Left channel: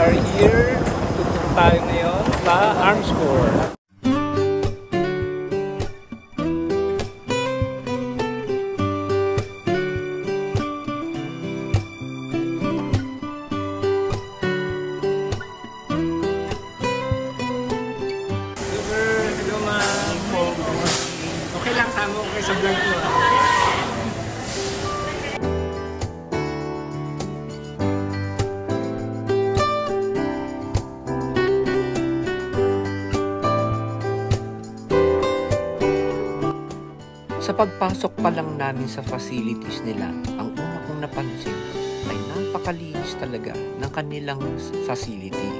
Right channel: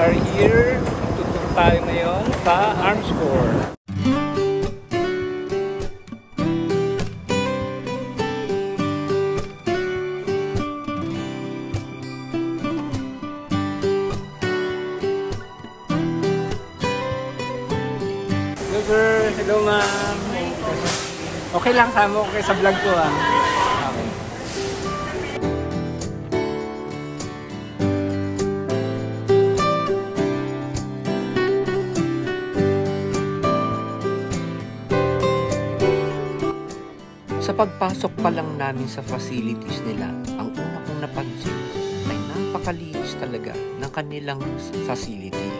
are here. Tutur tayo ngayon sa Armscor. Hello ma'am. Okay lang, tama okay sa vlog ko ah. Sa pagpasok pa lang namin sa facilities nila, ang una kong napansin ay napakalinis talaga ng kanilang facility.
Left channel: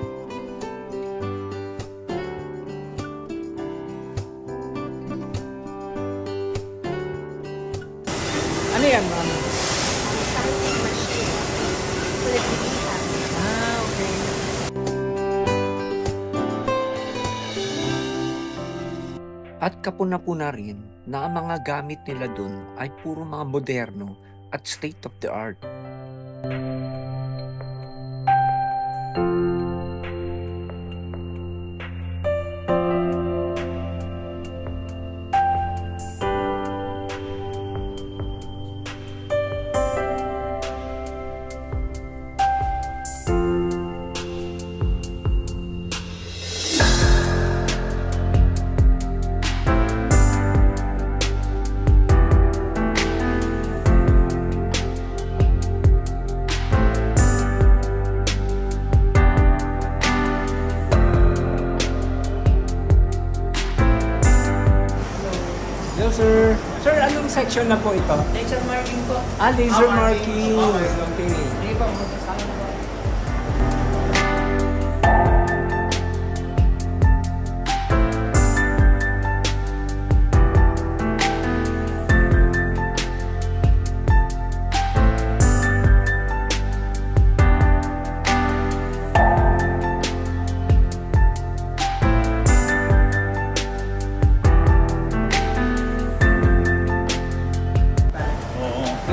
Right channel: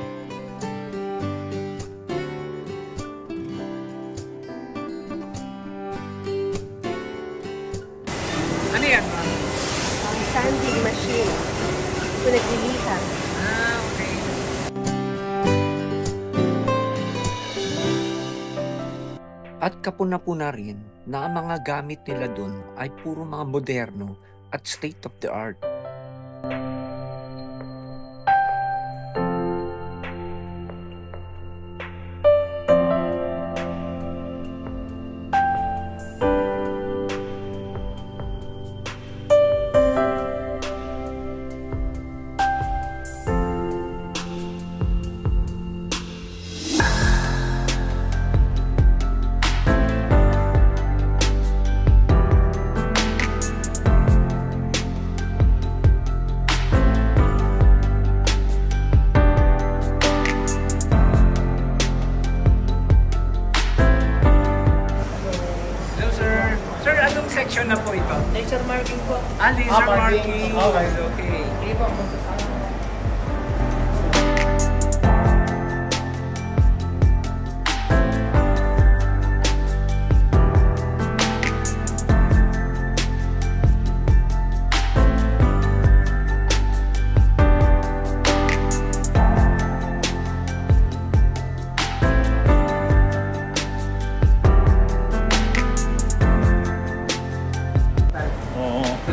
Ano yan ma'am? Stamping machine. Pinagpilihan. Okay. At kapuna-puna rin na ang mga gamit nila dun ay puro mga moderno at state of the art. Sir, anong section na po ito? Laser marking po. Laser marking. Okay. Sige po, magsasalan po.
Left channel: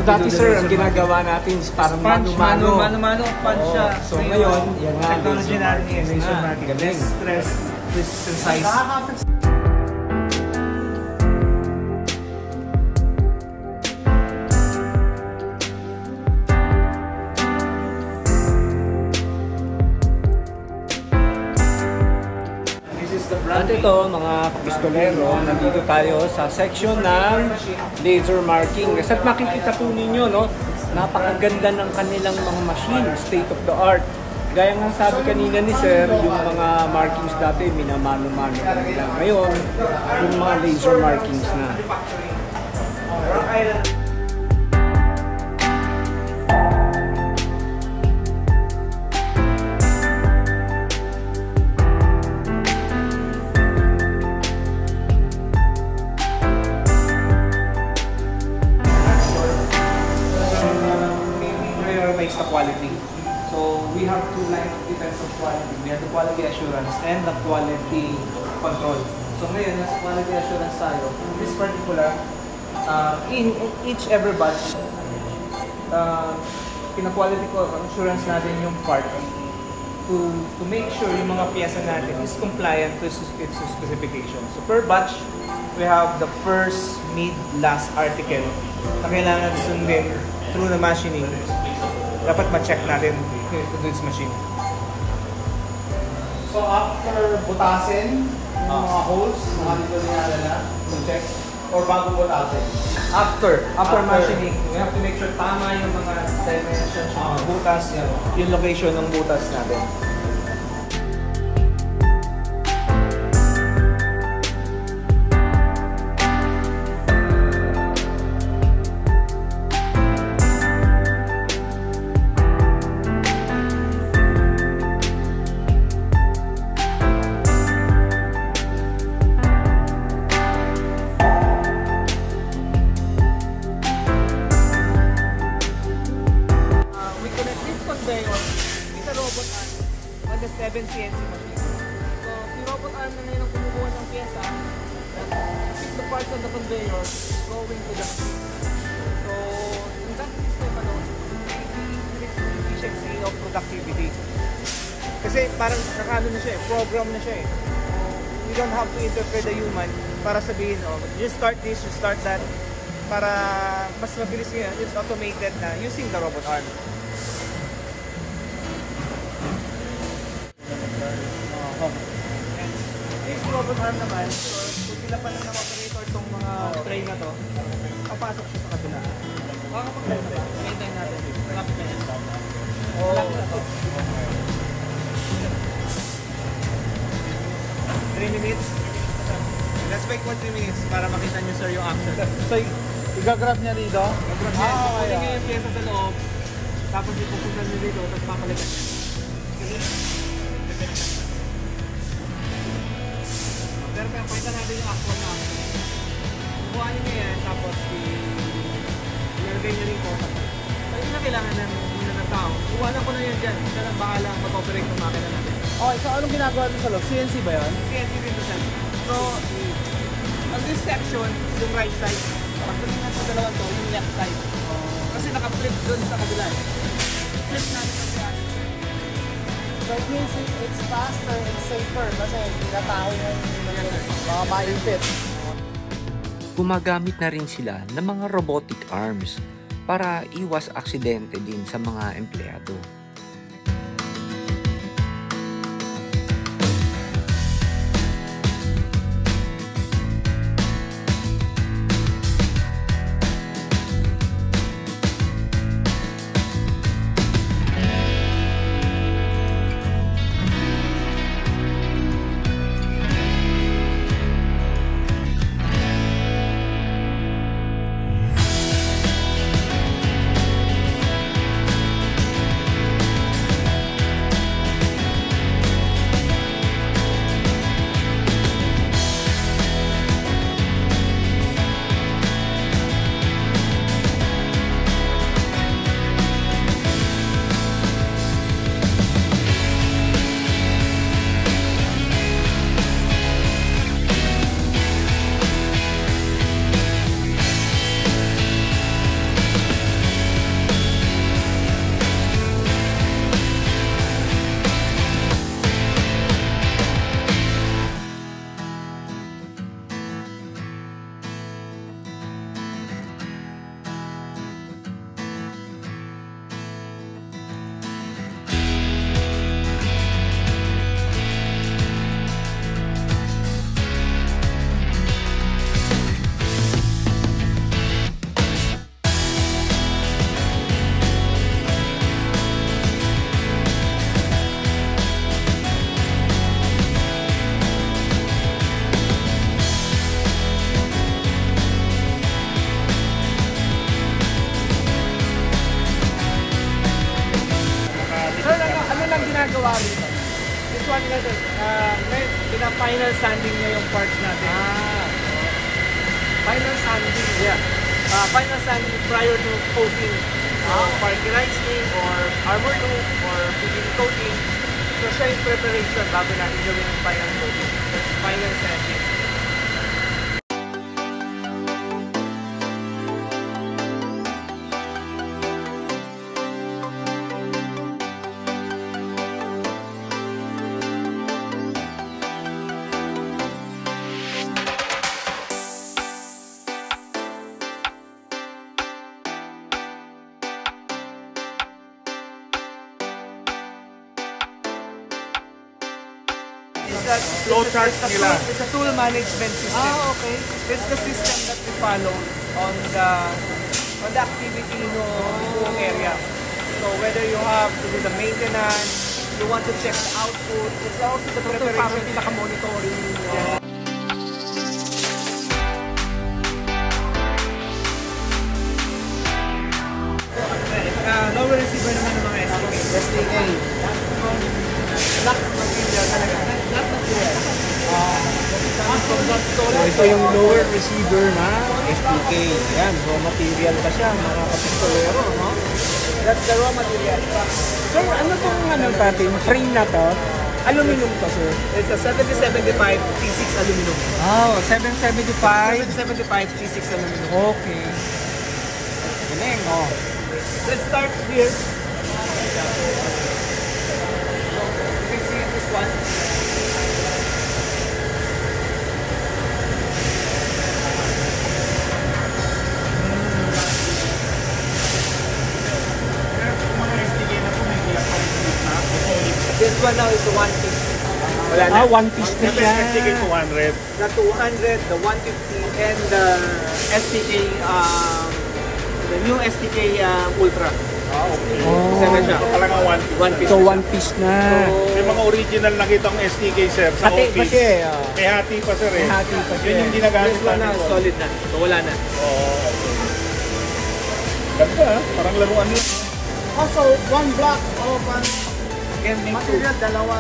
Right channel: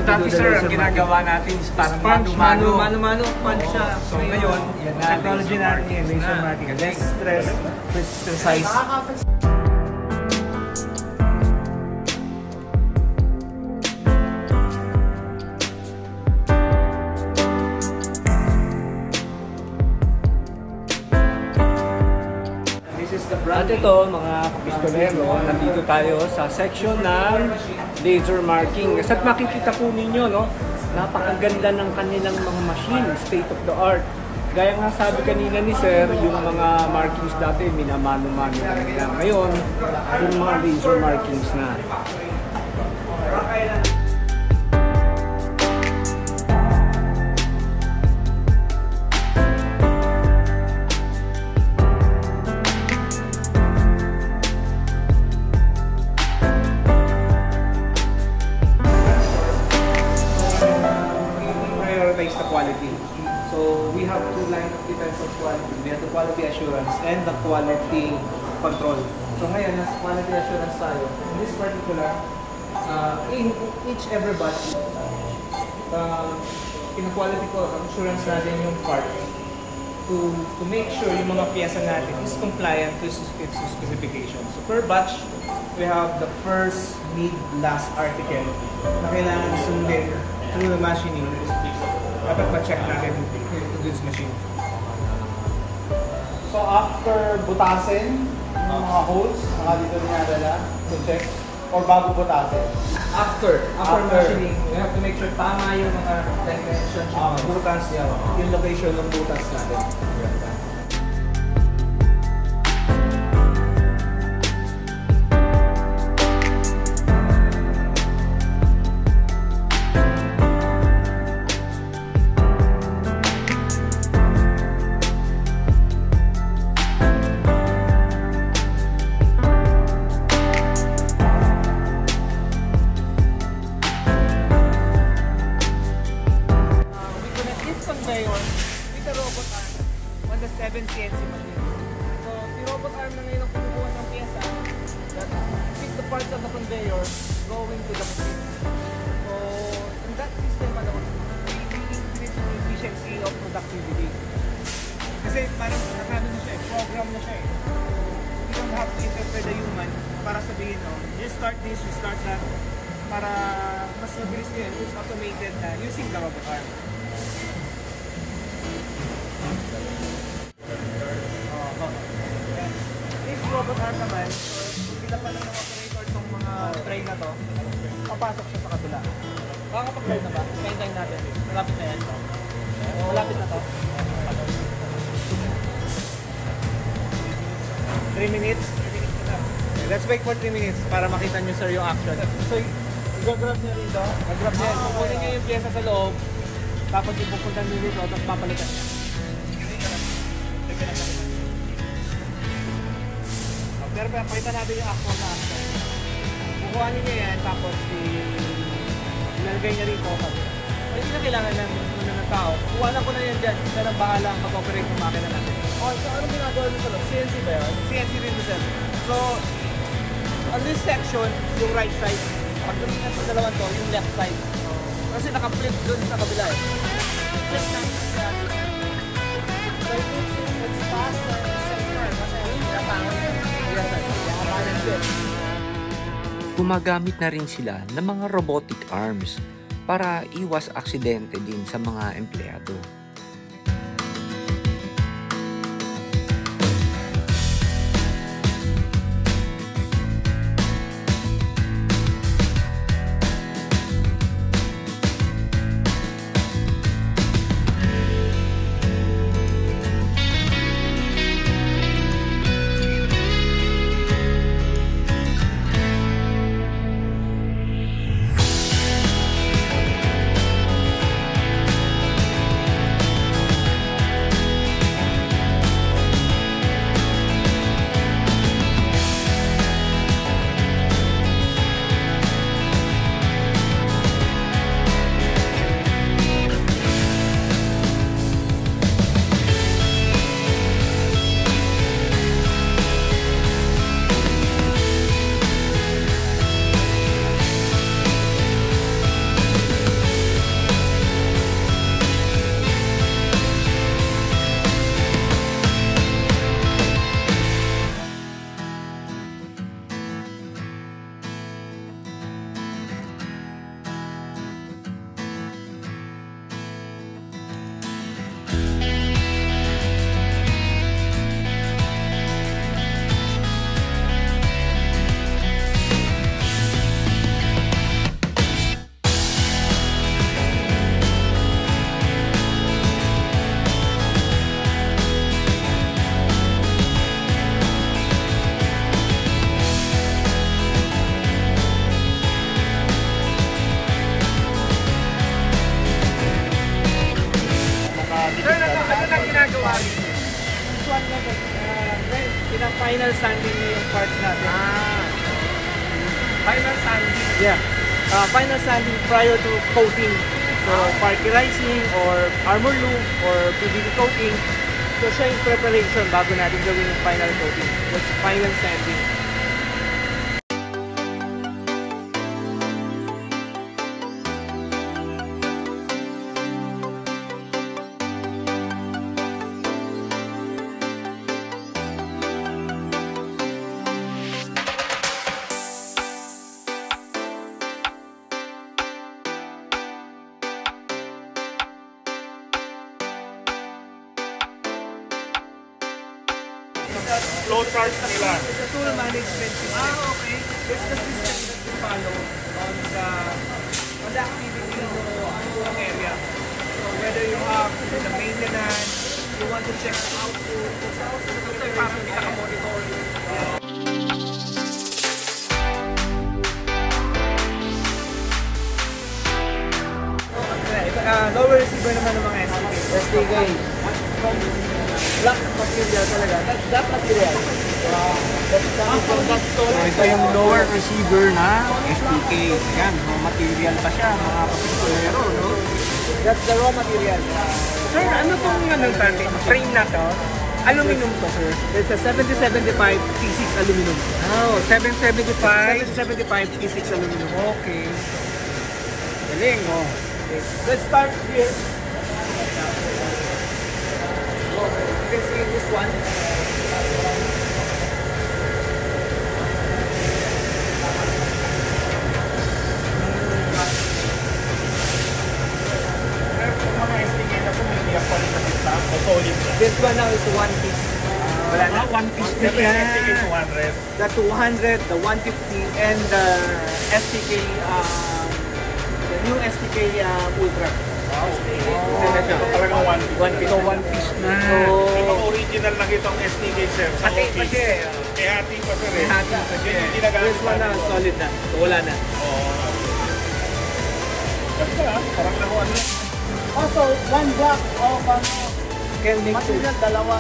Dati sir, ang ginagawa natin is parang Mano-mano punch siya. So ngayon, technology natin yun, laser marking. Less stress, precise. At ito mga kapistolero, nandito tayo sa section ng laser marking. At makikita po ninyo, no, napakaganda ng kanilang mga machine, state of the art. Gaya nga sabi kanina ni sir, yung mga markings dati minamano-mano lang nila. Ngayon, yung mga laser markings na. The quality. So we have two lines of defense of quality. We have the quality assurance and the quality control. So ngayon, nasa quality assurance tayo. In this particular, in each every batch, pina-quality assurance natin yung part to make sure yung mga piyesa natin is compliant to its specifications. So per batch, we have the first, mid, last article na kailangan sundin through the machining. Dapat ma-check natin yung goods machine. So after butasin, yung mga holes, mga dito dinadala, to check, or bago butasin? After machining, we have to make sure tama yung mga dimensions, yung mga butas, yung location ng butas natin. Conveyor with a robot arm on the 7 CNC machine. So, si robot arm na ngayon ang kumukuha ng pyesa that fit the parts on the conveyor going to the machine. So, in that system alone, we increase the efficiency of productivity. Kasi parang nakano na siya eh, program na siya eh. You don't have to interpret the human para sabihin, oh, you start this, you start that. Para mas mabilis yan, it's automated na using the robot arm. This robot arm naman, so kung nilapan lang ng operator itong mga tray na to, papasok siya sa kabila. Makakapag-live siya, kaintay natin. Lapit niya yan. Lapit na to. 3 minutes? Let's wait for 3 minutes para makita niyo sir yung action. So, i-grab niya dito. I-grab niya. Kukunin niyo yung pyesa sa loob. Tapos ipupunta niyo dito. Tapos papalik. Pero pwede natin yung action na. Kukuha niyo yan. Tapos ilagay na rin po. Ay, hindi na kailangan ng tao. Kuhanan ko na yung dyan. Siya lang bahala ang mag-operate ng makina. Oh, so anong ginagawa niyo sa loob? CNC ba yan? CNC rin siya. So, on this section, yung right side. Pag tumingnan sa dalawang to, yung left side. Kasi nakapit doon sa kabila. It's faster and safer. Kasi maipit. Gumagamit na rin sila ng mga robotic arms para iwas aksidente din sa mga empleyado. This one na pina-final sanding na yung parts natin. Final sanding, yeah. Final sanding prior to coating. Carburizing or armor loop or doing coating. So siya yung preparation bago natin yung final coating. Final sanding. It's a tool management system. Okay. It's the system that we follow on the activity ng area. So whether you have to do the maintenance, you want to check the output, it's also the preparation. Lower receiver naman ng mga STK. From black material talaga. Black material. Ito yung lower receiver na STK. Ayan, raw material pa siya, mga kapistolero, no? That's the raw material. Sir, ano pong natin? Frame na to? Aluminum to, sir? It's a 7075 T6 aluminum. 775? 775 T6 aluminum. Okay. Galing, oh. Let's start here. You can see This one now is the 1 piece. Wala na. One piece na Yung yan. STK 200. The 200, the 150, and the STK, the new STK Ultra. Isa na siya. Talagang 1 piece So, na one siya. piece na. Ito ang original nakita kong STK, sir, sa Hati pa office. siya eh. Eh, hati pa, sir. May hati pa siya. Yun yung ginagamit. This one na, solid na. So, wala na. Ganda, parang laruan yun. Also, one block of can make two. Dalawa.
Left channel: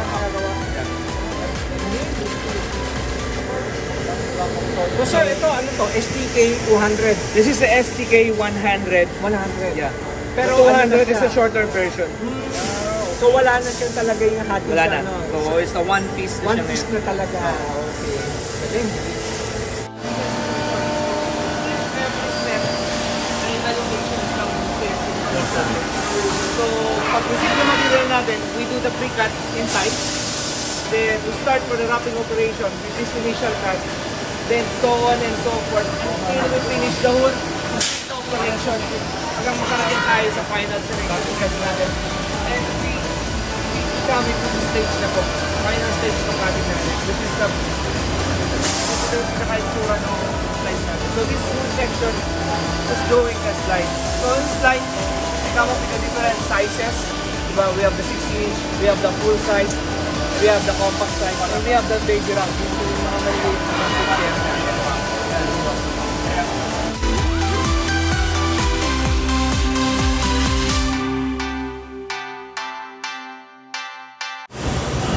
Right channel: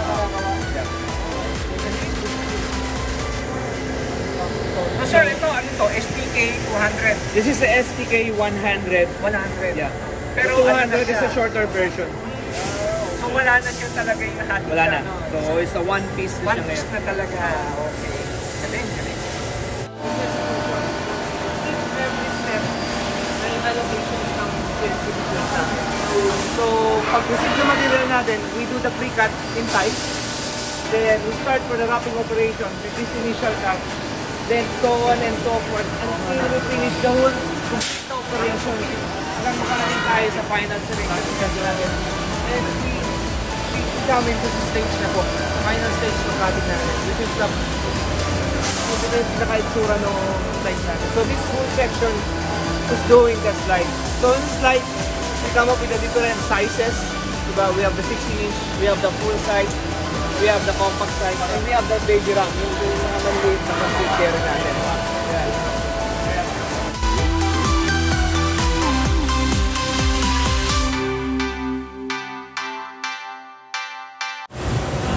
So, sir, ito, ano to? STK 200. This is the STK 100. 100. Yeah. Pero The 200 ano is siya? a shorter version. So, wala na siya talaga yung hati. Wala sa na. ano. So, it's a one piece na One siya piece ngayon. na talaga. Okay. Galing. Every step ay allocation ng testing class natin. So, pag receive yung material natin, we do the pre-cut inside. Then, we start for the wrapping operation with this initial cut. Then, so on and so forth. Until we finish the whole complete operation. Hanggang makarating tayo sa final certificate natin. And we come into the stage na po. Final stage ng cabin natin. This is the itsura ng slide natin. So this section is doing the slide. So in slide, we come up with the different sizes. Diba? We have the 16-inch, we have the full size, we have the compact size, and we have the baby round. Yung mga maliit na mag-picture natin. Diba?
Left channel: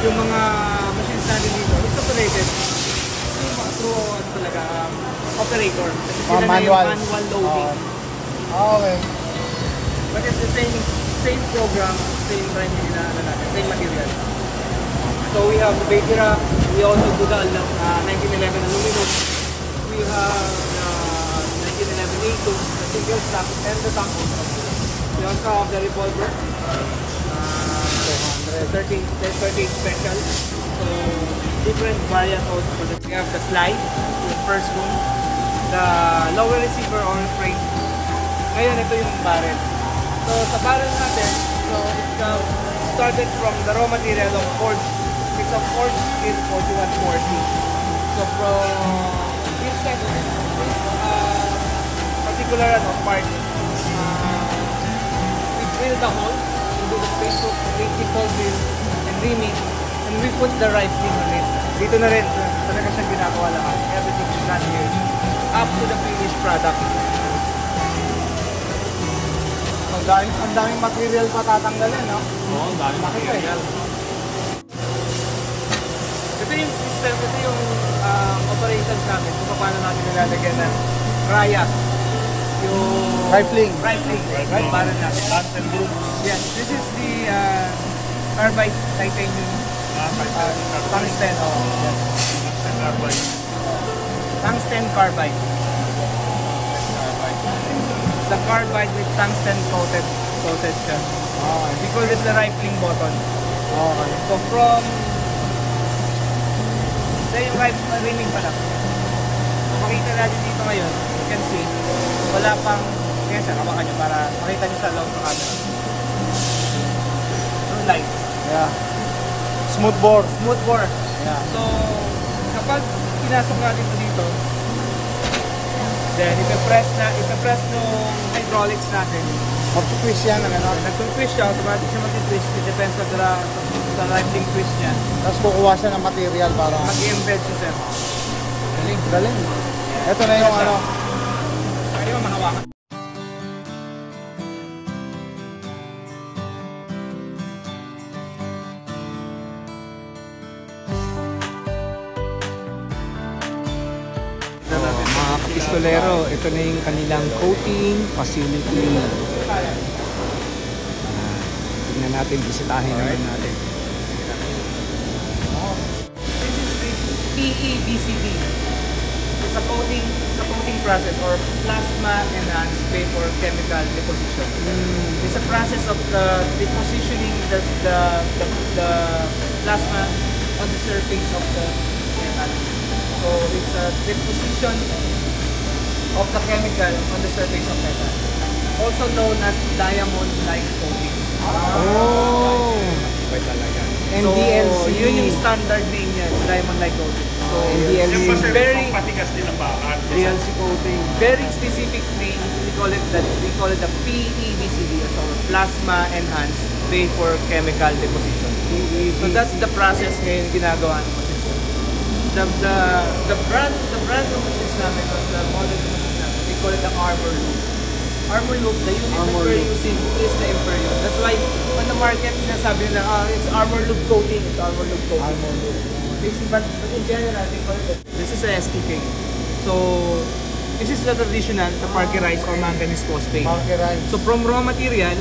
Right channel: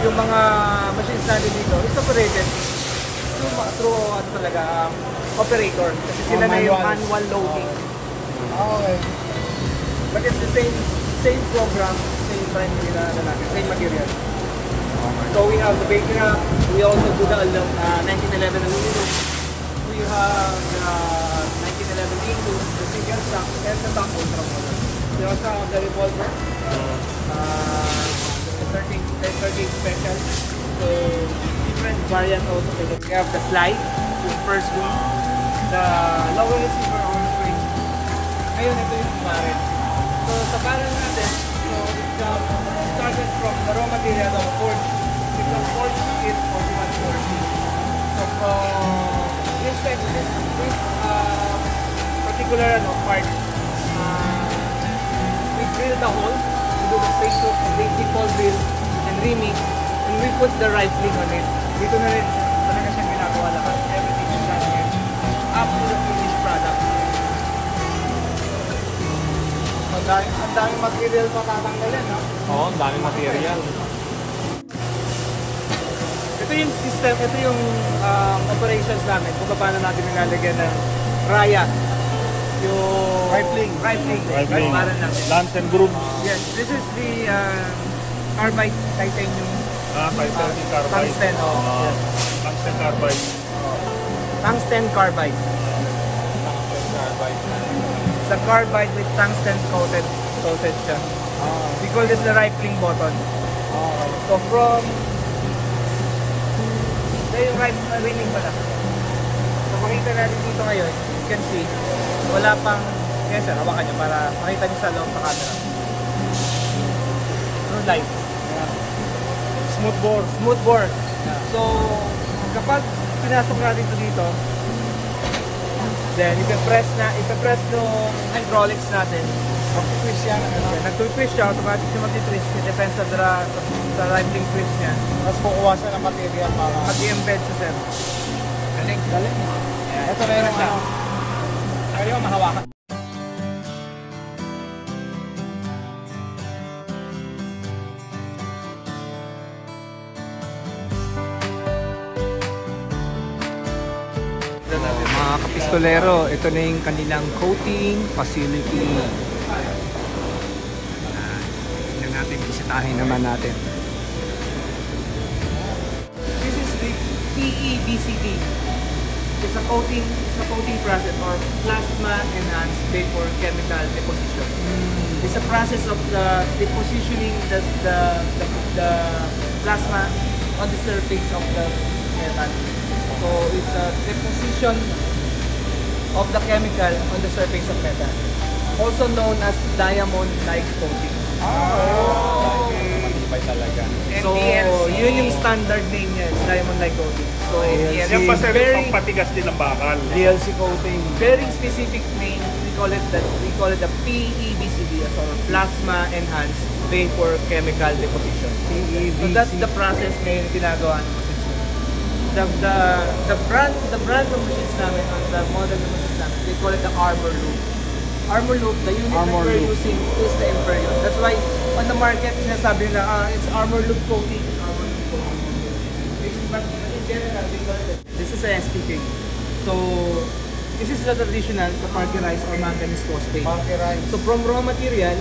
Yung mga machines natin dito, it's operated yung mga through ano talaga, operator. Kasi sila na yung manual loading. Okay. But it's the same program, same primary na ano natin, same material. So we have the baby rack, we also do the 1911 aluminum, we have the 1911 A2, the single stack, and the top ultra. We also have the revolver, 13 special. So different variant also for that. We have the slide, yung first room, the lower receiver on frame. Ngayon ito yung barrel. So sa barrel natin, so it's started from the raw material of forge. It's a forged steel, original forging. So from this particular part, we drill the hole, we do the face hook, basic hole drill, and reaming, and we put the rifling on it. Dito na rin, talaga siyang ginagawa lahat. Everything is done here. Up to the finished product. Ang daming material pa tatanggalin, no? Oo, ang dami material. Ito yung system, ito yung operations namin kung paano natin nilalagyan ng raya. Yung Rifling. Rifling. Ang barrel natin. Lance and groups. Yes, this is the carbide titanium. Tungsten. Lance and carbide. Tungsten carbide. It's a carbide with tungsten coated siya. We call this the rifling button. So from yung reaming pala. So makita natin dito ngayon, you can see, wala pang, ngayon siya, hawakan nyo para makita nyo sa loob ng camera. Live. Yeah. Smooth bore. Smooth bore. Yeah. So, kapag pinasok natin ito dito, then ipe-press nung hydraulics natin. Mag-twist yan ng ano. Nag-twist siya, automatic siya mag-twist. It depends sa rifling twist niya. Tapos kukuha siya ng material para Mag-embed siya, sir. galing. Yeah. Ito na yung siya. Kaya yung mahawakan. Mga kapistolero, ito na yung kanilang coating facility. Tingnan natin, bisitahin naman natin. This is the PEBCD. It's a coating process or plasma enhanced vapor chemical deposition. It's a process of the depositioning the plasma on the surface of the metal. So it's a deposition of the chemical on the surface of metal, also known as diamond-like coating. Yun yung standard name niya, Diamond Like Coating. So, Yan pa sir, very patigas din ang bakal. DLC coating. Very specific name. We call it the PEVCD, or Plasma Enhanced Vapor Chemical Deposition. So that's the process ngayon ginagawa ng machines. The brand ng machines namin, the model ng machines namin, they call it the Armor Loop. Armor Loop, the unit that we're using is the Imperial. That's why on the market, sinasabi na it's Armor Loop coating, it's Armor Loop coating. But in general, they call it, this is a STK. So, this is the traditional, the parkerized or manganese phosphate. So from raw material,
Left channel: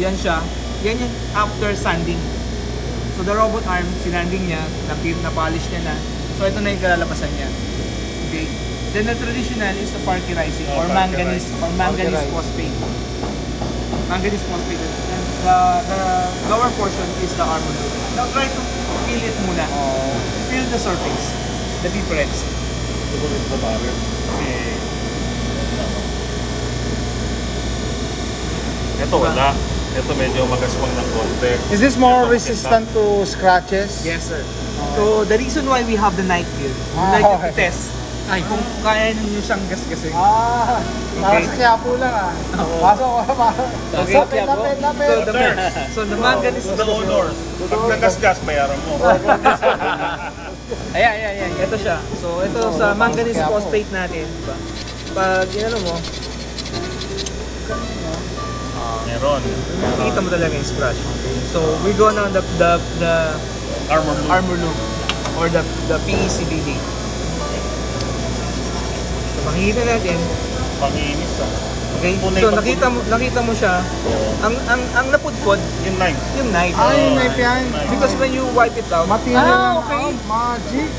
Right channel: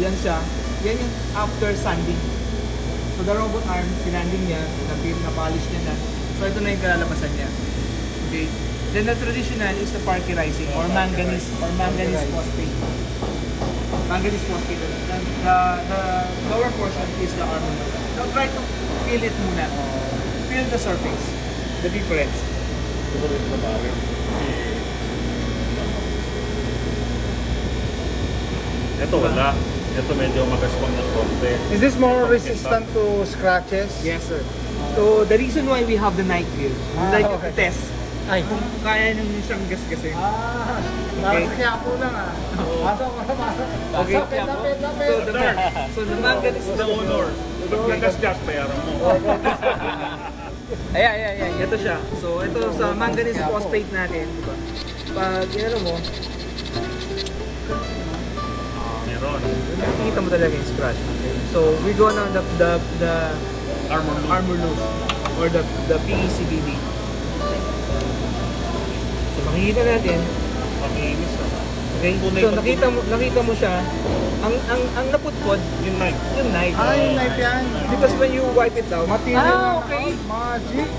yan siya. Yan yung after sanding. So the robot arm, sinanding niya, na-polish niya na. So ito na yung kalalabasan niya. Okay. Then the traditional is the parkerizing or manganese phosphate. Manganese phosphate. And the lower portion is the armor loop. Now try to feel it muna. Feel the surface. The difference. Ito wala. Ito medyo mag-respond ng konti. Is this more resistant to scratches? Yes, sir. So, the reason why we have the night wheel, we like to test kung kaya ninyo siyang gasgasin. Okay. Kaya po lang Pasok ko So, the manganese The owner. Pag nagasgas, bayaran mo. Ayan. Ito siya. So, ito sa manganese phosphate natin. Diba? Pag, mo, Meron. makikita mo talaga yung scratch. So, we go na the armor loop or the PECBD. So, makikita natin. Panginis ka. Okay? So, nakita mo siya. Ang napudpod, Yung knife. yung knife. Yung knife yan. Because when you wipe it out, okay. Magic.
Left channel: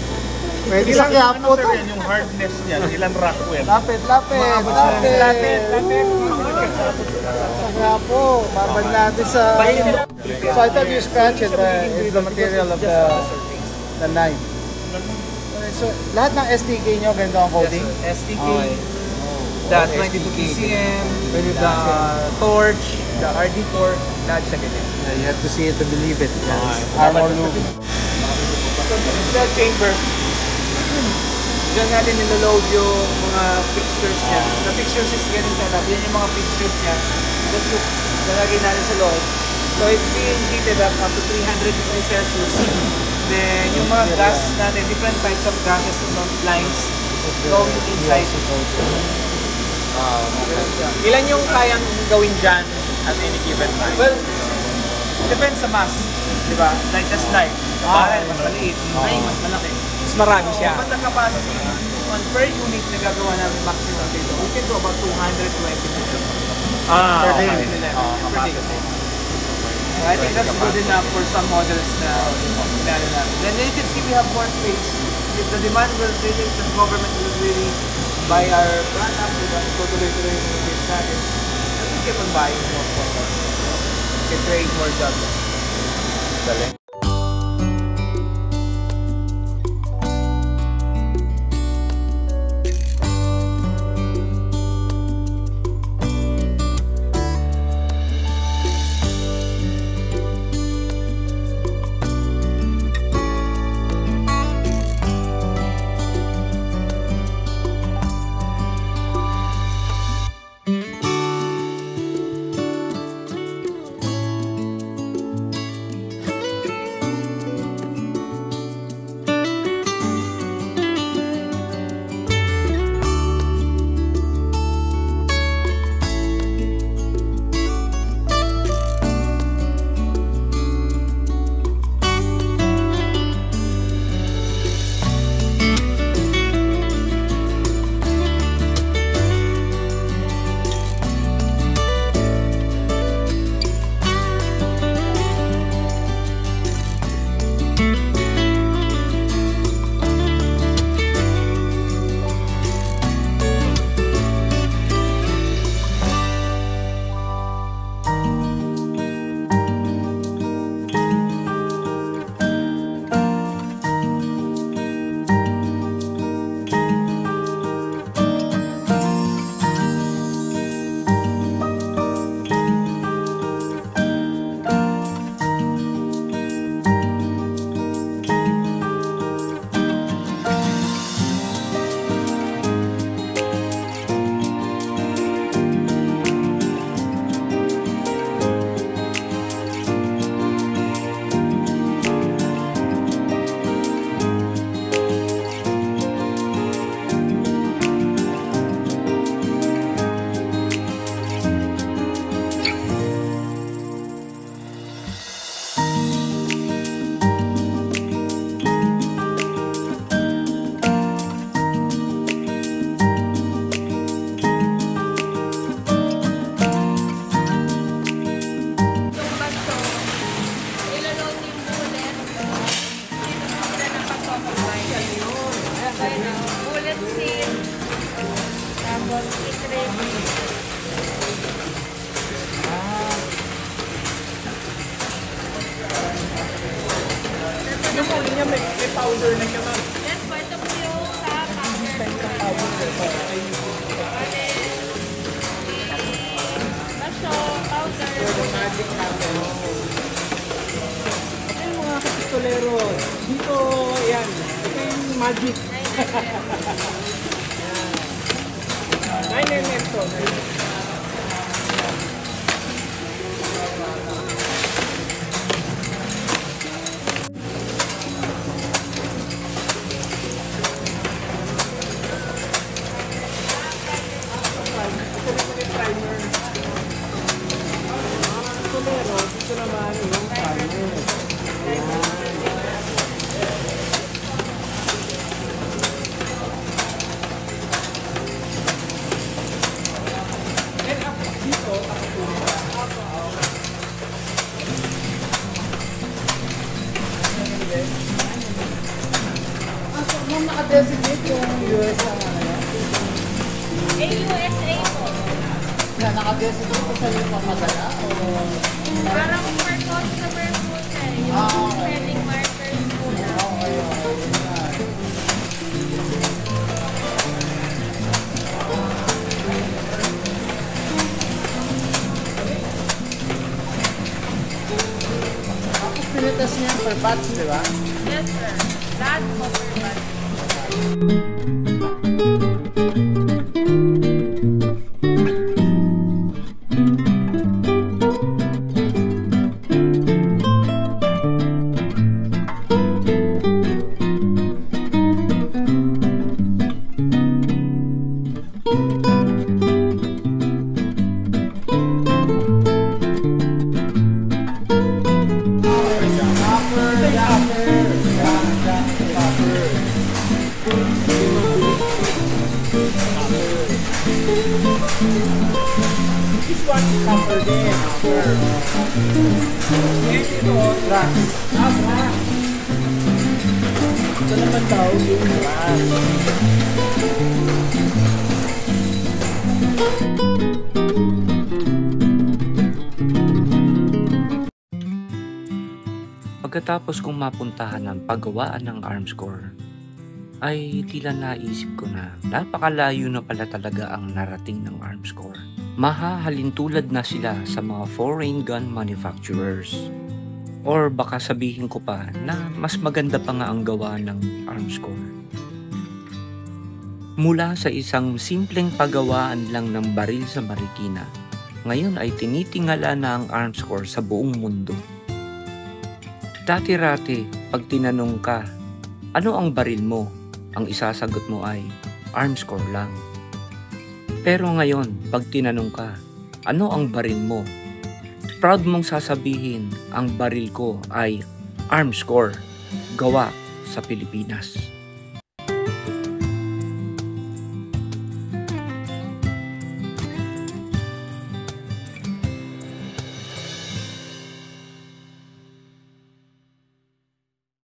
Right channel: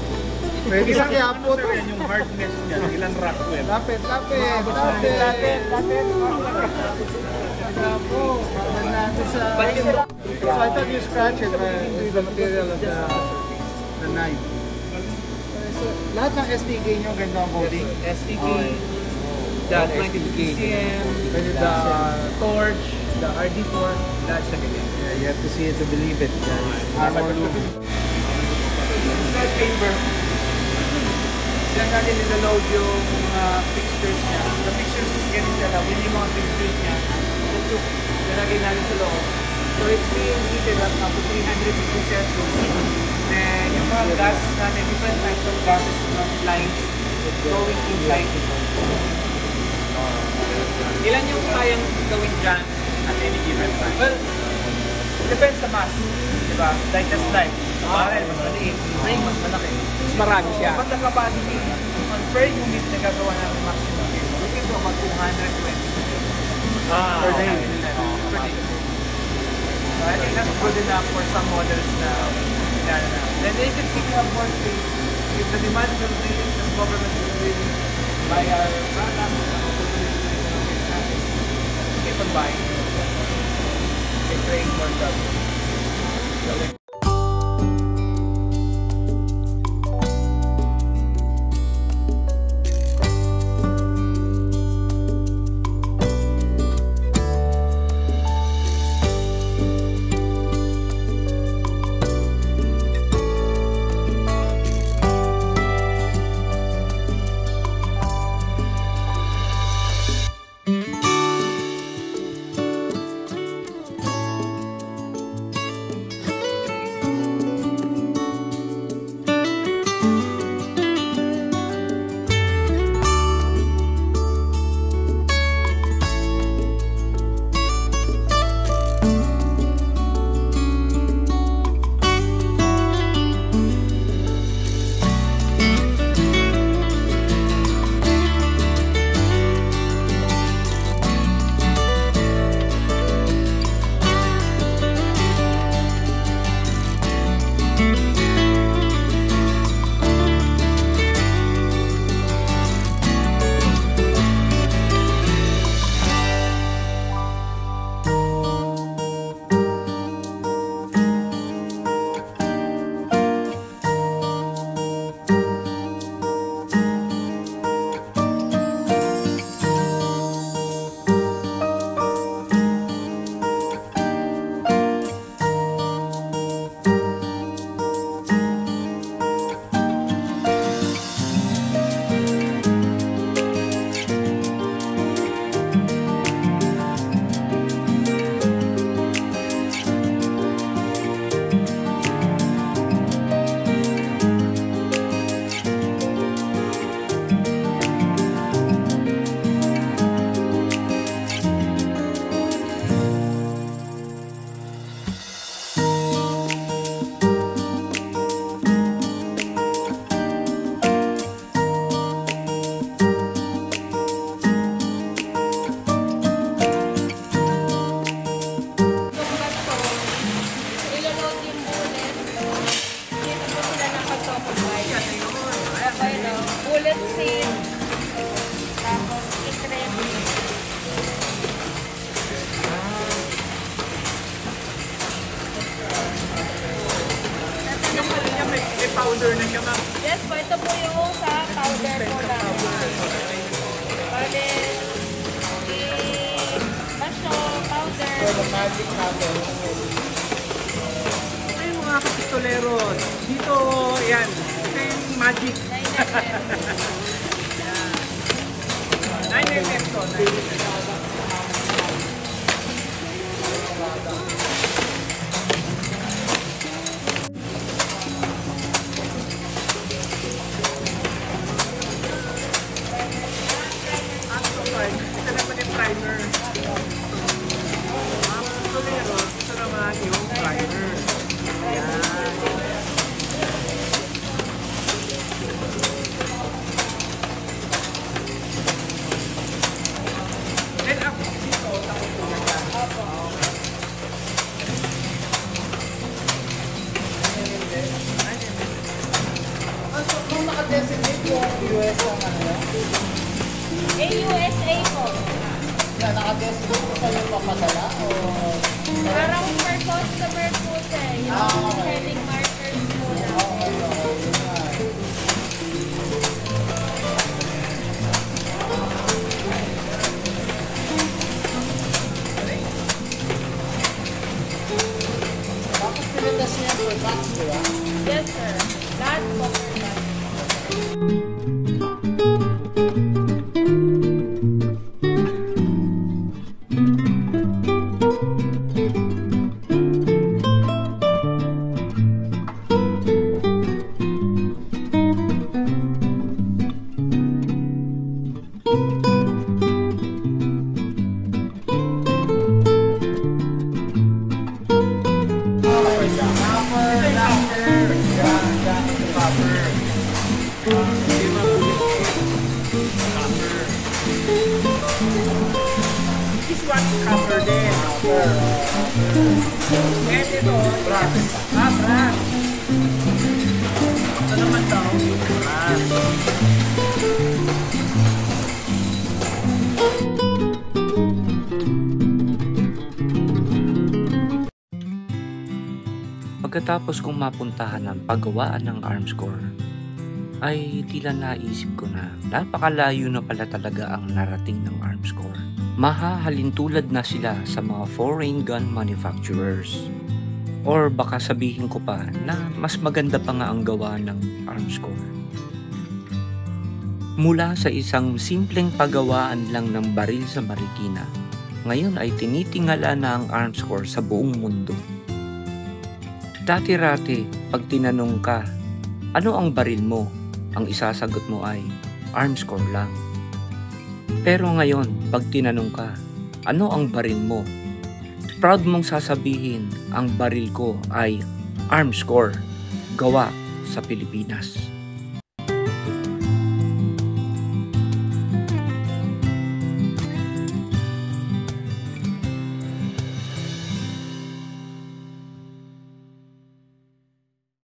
Pwede sa kaya po to. Yung hardness niya, ilang rack well. Lapit. Lapit. Kaya po. Babag natin sa... So I thought you scratch it, but it's the material of the land. So lahat ng STK nyo ganito ang coating? STK, the 22 PCM, the torch, the RD4, lahat siya ganyan. You have to see it to believe it. Armor loop. So, cell chamber. Diyan natin nilaload yung mga fixtures niya. The fixtures is yan nila. Yun yung mga fixtures niya. Nalagay natin sa loob. So, it's being heated up to 350 Celsius. Then, yung mga gas natin, different types of gases from lines going inside. Ilan yung kayang gawin dyan at any given time? Well, depends sa mass. Diba? Like the snipe. Sa barrel, mas maliit. Ay, mas malaki. Mas marami siya. But the capacity, on per unit, nagagawa namin maximum dito. We can do about 220 per day. Per day. So I think that's good enough for some models na ginagawa namin. Then later, if we have more space, if the demand will be it, the government will really buy our product, totally to natin. We keep on buying more. We create more jobs. niya may powder na siya, ma'am. Yes po, ito po yung sa powder po. Masyong powder. The magic natin. Ito yung mga kapistolero. Dito, yan. Ito yung magic. 9mm po. Ito naman yung primer. Kapistolero, ito naman yung primer. Yan. Then after dito, Nung naka-designate yung US AUSA po. na naka-designate sa yung pagkakala. Parang for customer po siya. Yung selling markers. Pinitas niya per batch, di ba? Yes sir. Lahat po for that. This one is copper din. And ito, brass. Brass. Ito naman daw yung brass. Pagkatapos kong mapuntahan ng paggawaan ng Armscore, ay tila naisip ko na napakalayo na pala talaga ang narating ng Armscore. Mahahalintulad na sila sa mga foreign gun manufacturers. Or baka sabihin ko pa na mas maganda pa nga ang gawa ng Armscore. Mula sa isang simpleng paggawaan lang ng baril sa Marikina, ngayon ay tinitingala na ang Armscore sa buong mundo. Dati-rati, pag tinanong ka, ano ang baril mo? Ang isasagot mo ay, Armscore lang. Pero ngayon, pag tinanong ka, ano ang baril mo? Proud mong sasabihin, ang baril ko ay Armscore, gawa sa Pilipinas.